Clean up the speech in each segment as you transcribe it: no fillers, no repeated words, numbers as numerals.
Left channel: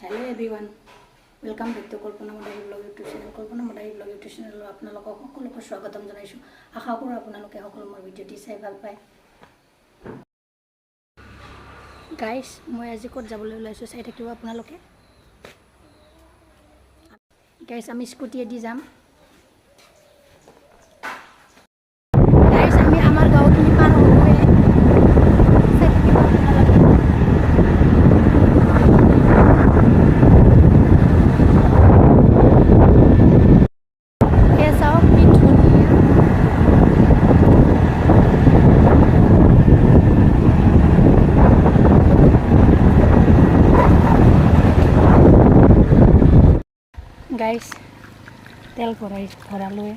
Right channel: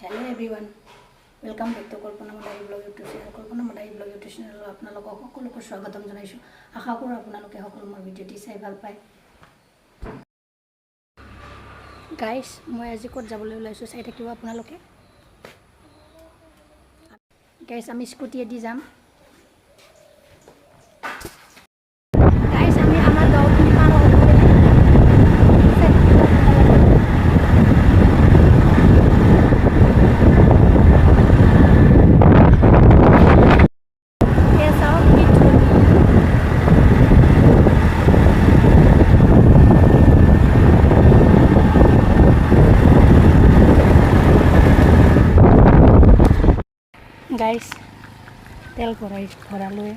hello everyone welcome back to Kalpana Madahi blog YouTube channel Kalpana Madahi blog YouTube channel आपलोक सकलोक स्वागतम जानाइछो आशा करो आपलोके सकलो मोर भिडिओटी चाइ ভাল पाय गाइस मैं आज कत जाबले ओलाइछो चाइ থাকিব आपलोके गाइस आमी स्कुटिएदि जाम गाइस आमी आमार गाँवखिनि पार हलो गाइस तेल भरालो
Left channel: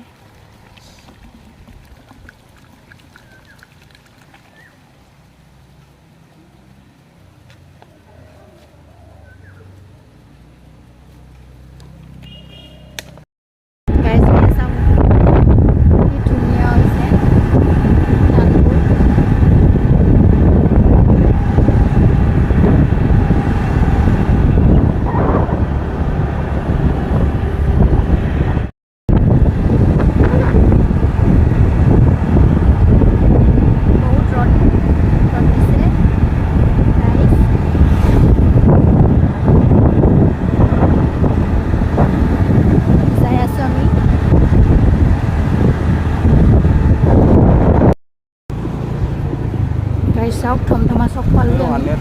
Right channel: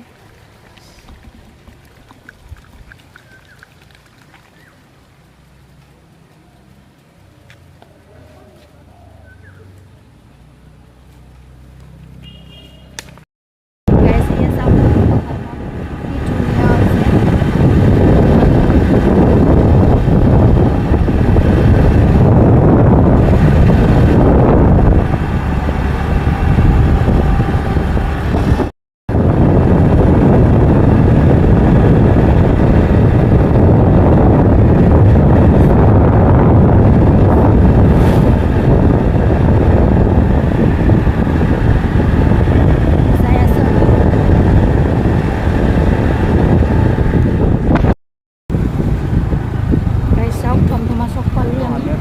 Sauk thom masuk palu আমি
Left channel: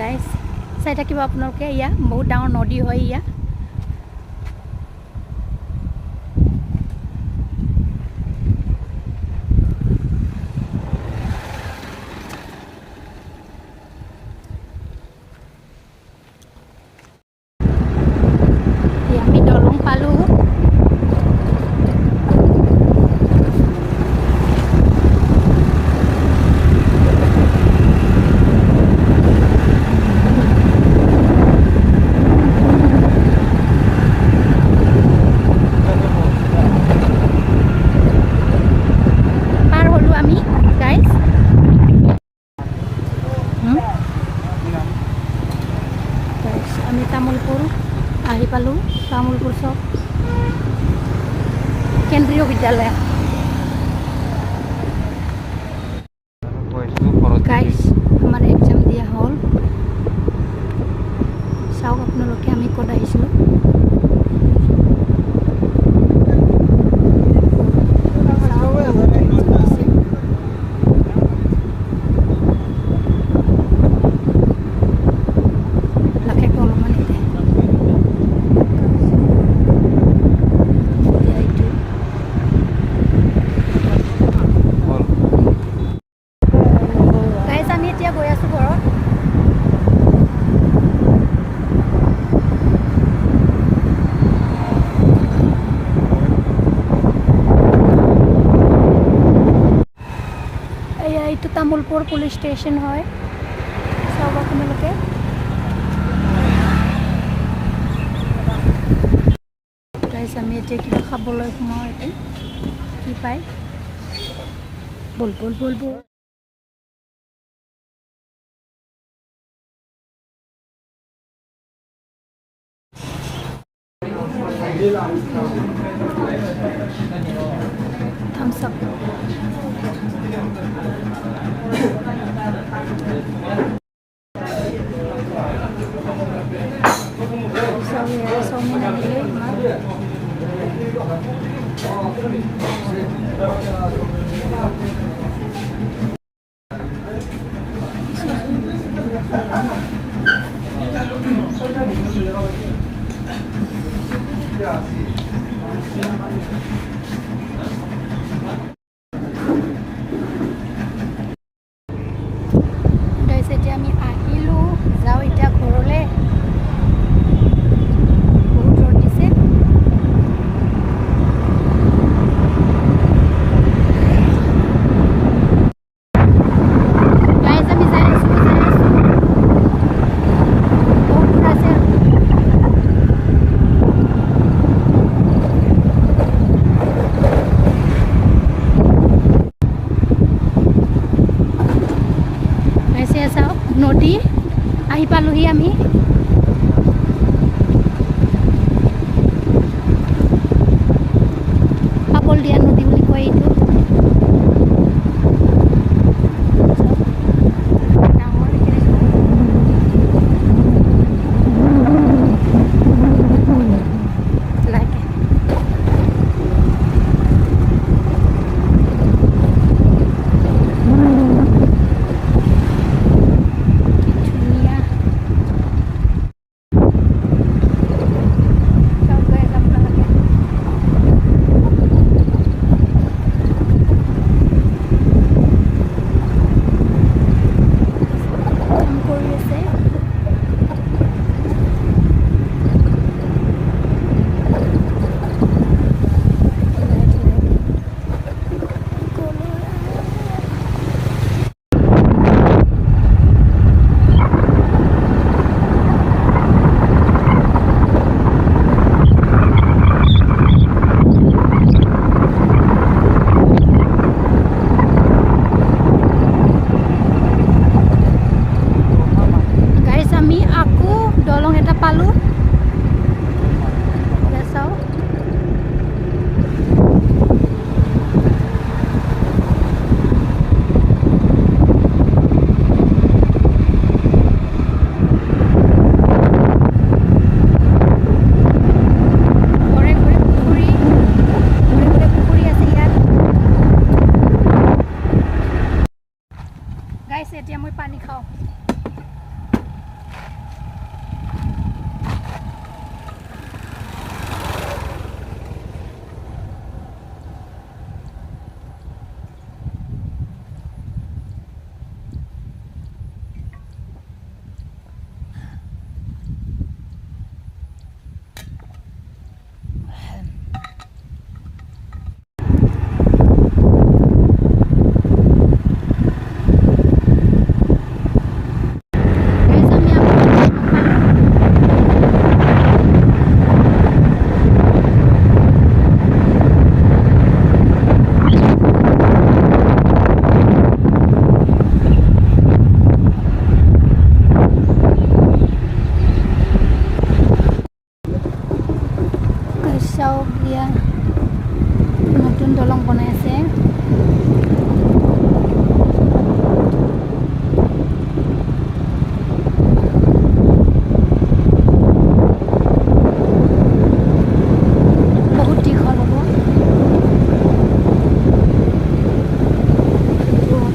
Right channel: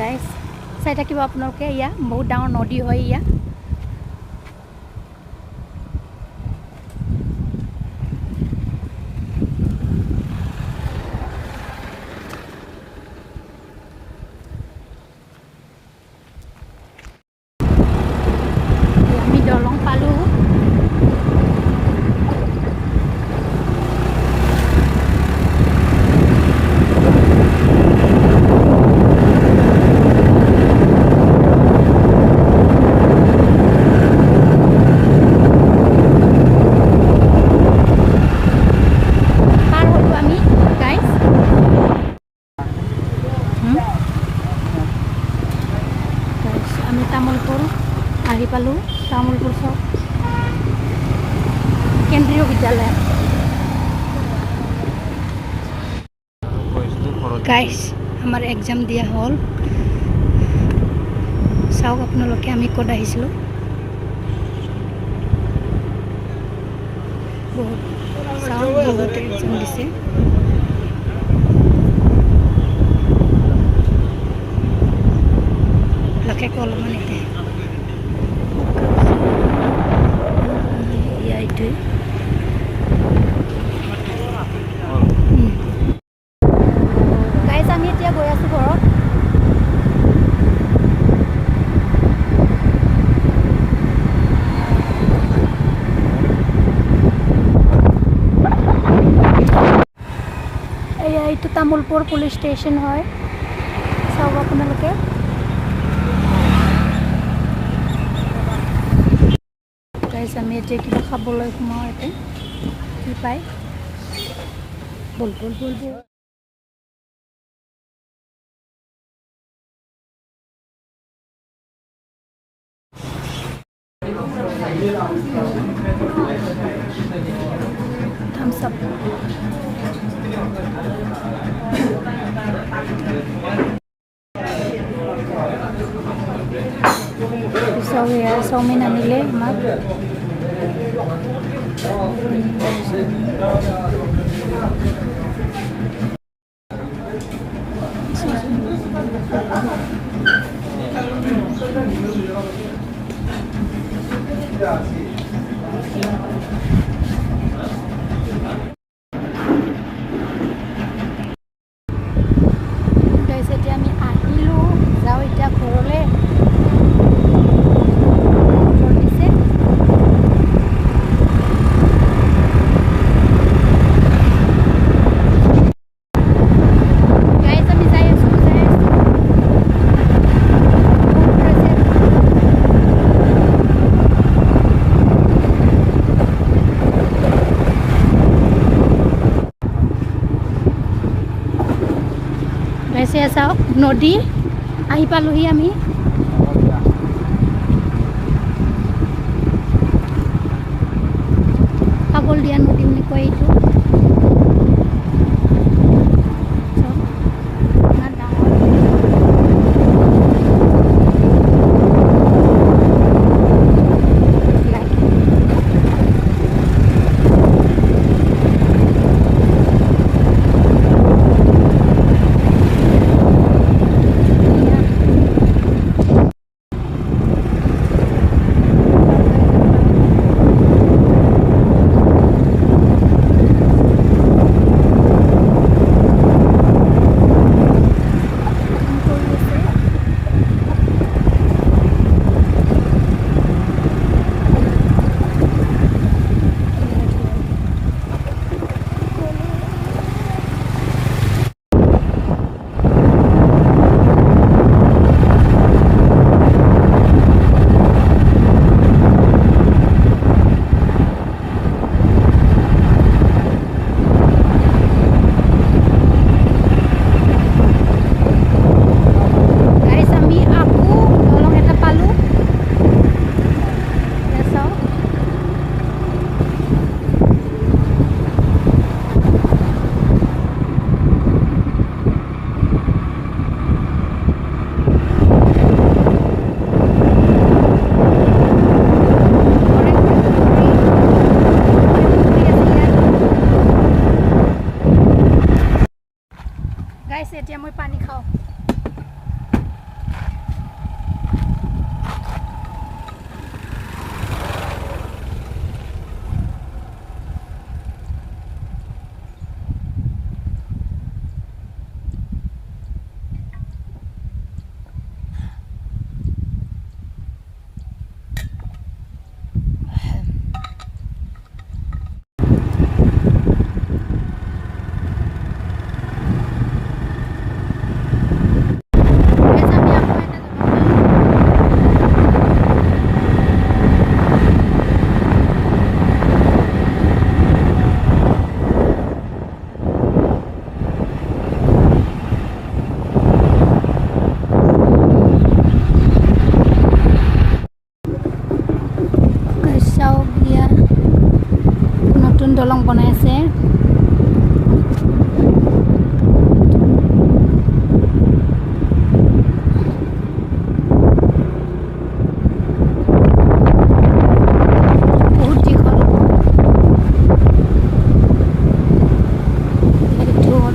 गाइस চাই থাকিব আপোনালোকে ইয়া বহুত ডাঙৰ নদী হয় ইয়া আমি দলং পালো আমি তামুলপুর আহি পালো তামুলপুর চক কেন্দ্রীয় বিদ্যালয় গাইস আমার এক্সাম দিয়া হল চাওক আপোনালোকে আমি কত আহিছিলো চাওক বহুত এক্সাম দিছে laki kalau mana deh ya itu guys আমি এতিয়া গৈ আছো ঘৰত এয়া এইটো তামুলপুৰ পুলিচ ষ্টেচন হয় চাওক আপোনালোকে আমি এতিয়া কিবা খাবলৈ সোমাওঁ ইয়াতে কি পায় বল বল বল বল thumbs up চাওমিন আনিলে আমাৰ গাইছে চাওক নদী আহি পালোহি আমি পাগল দিয়া নদী বুলি কয় এইটো গাইছ এতিয়া মই পানী খাওঁ নতুন দলং বনাই আছে বহুত দীঘল হ'ব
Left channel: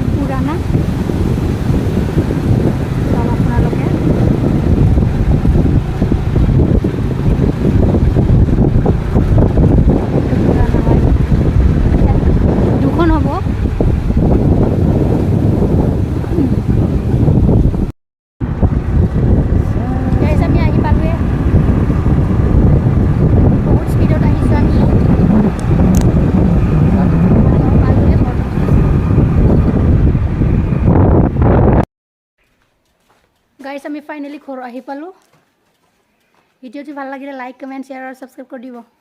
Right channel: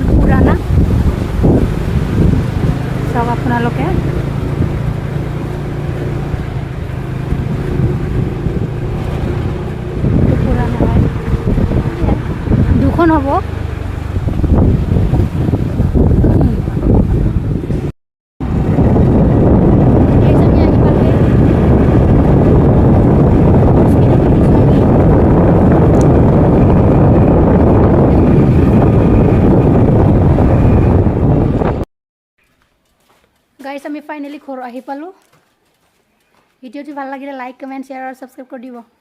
পুৰাণা চাওক আপোনালোকে দুখন হ'ব আমি আহি পালোৱে বহুত স্পীডত আহিছোঁ আমি গাইছ আমি ফাইনেলি ঘৰ আহি পালোঁ ভিডিঅ'টো ভাল লাগিলে লাইক কমেণ্ট শ্বেয়াৰ আৰু ছাবস্ক্ৰাইব কৰি দিব